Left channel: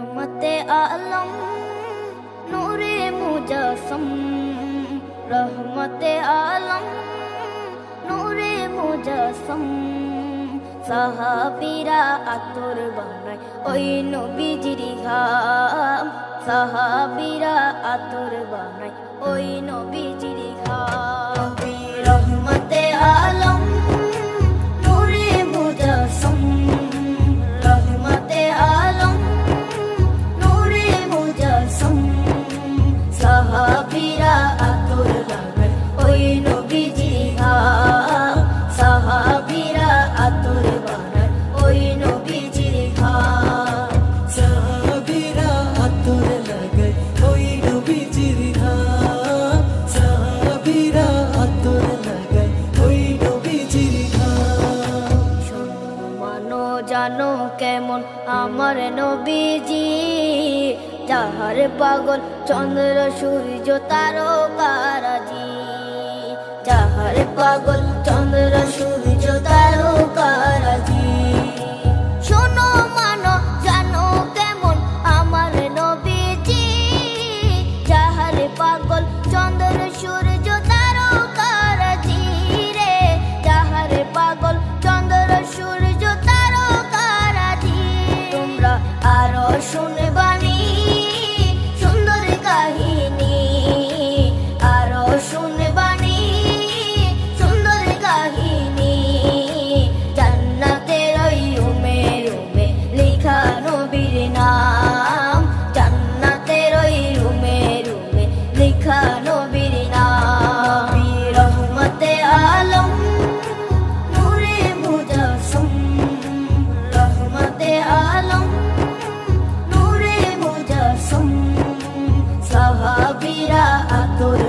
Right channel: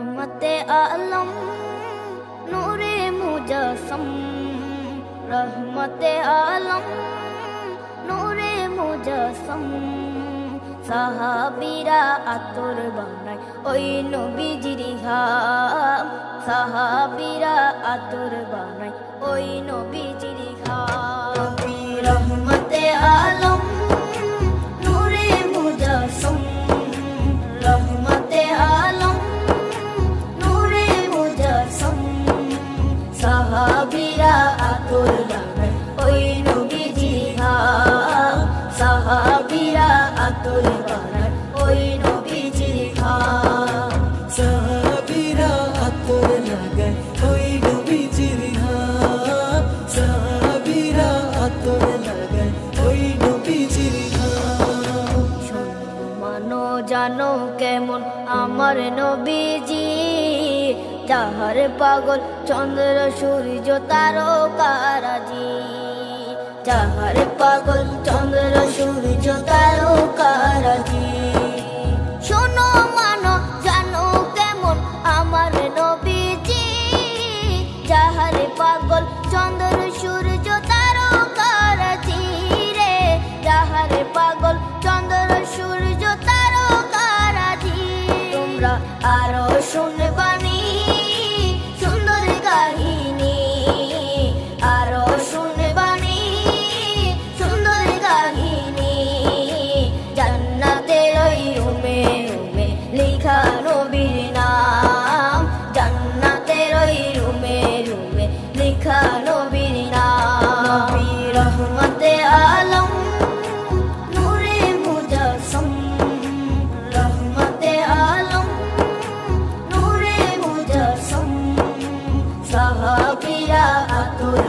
रहमते आलम नूरे मुजस्सम, रहमते आलम नूरे मुजस्सम। সাহাবীরা আতর বানায় ওই নবীজির ঘাম, সাহাবীরা আতর বানায় ওই নবীজির ঘাম। নবী রহমতে আলম নূরে মুজস্সম, রহমতে আলম নূরে মুজস্সম। সাহাবীরা আতর বানায় ওই নবীজির ঘাম, সাহাবীরা আতর বানায় ওই নবীজির ঘাম। সাহাবীরা আতর লাগায় ওই নবীজির ঘাম, সাহাবীরা আতর লাগায় ওই নবীজির ঘাম। শোনো মানো জানো কেমন আমার নবীজি, যাহার পাগল চন্দ্র সূর্য তারকারাজি, যাহার পাগল চন্দ্র সূর্য তারকারাজি। শোনো মানো জানো কেমন আমার নবীজি, যাহার পাগল চন্দ্র সূর্য তারকারাজি রে, যাহার পাগল চন্দ্র সূর্য তারকারাজি। তোমরা আরো শুনবানি সুন্দর কাহিনী, আরো শুনবানি সুন্দর কাহিনী। জান্নাতের ওই রুমে রুমে লেখা নবীর নাম, জান্নাতের ওই রুমে রুমে লেখা নবীর নাম। নবী রহমতে আলম নূরে মুজস্সম, রহমতে আলম নূরে মুজস্সম। সাহাবীরা আতর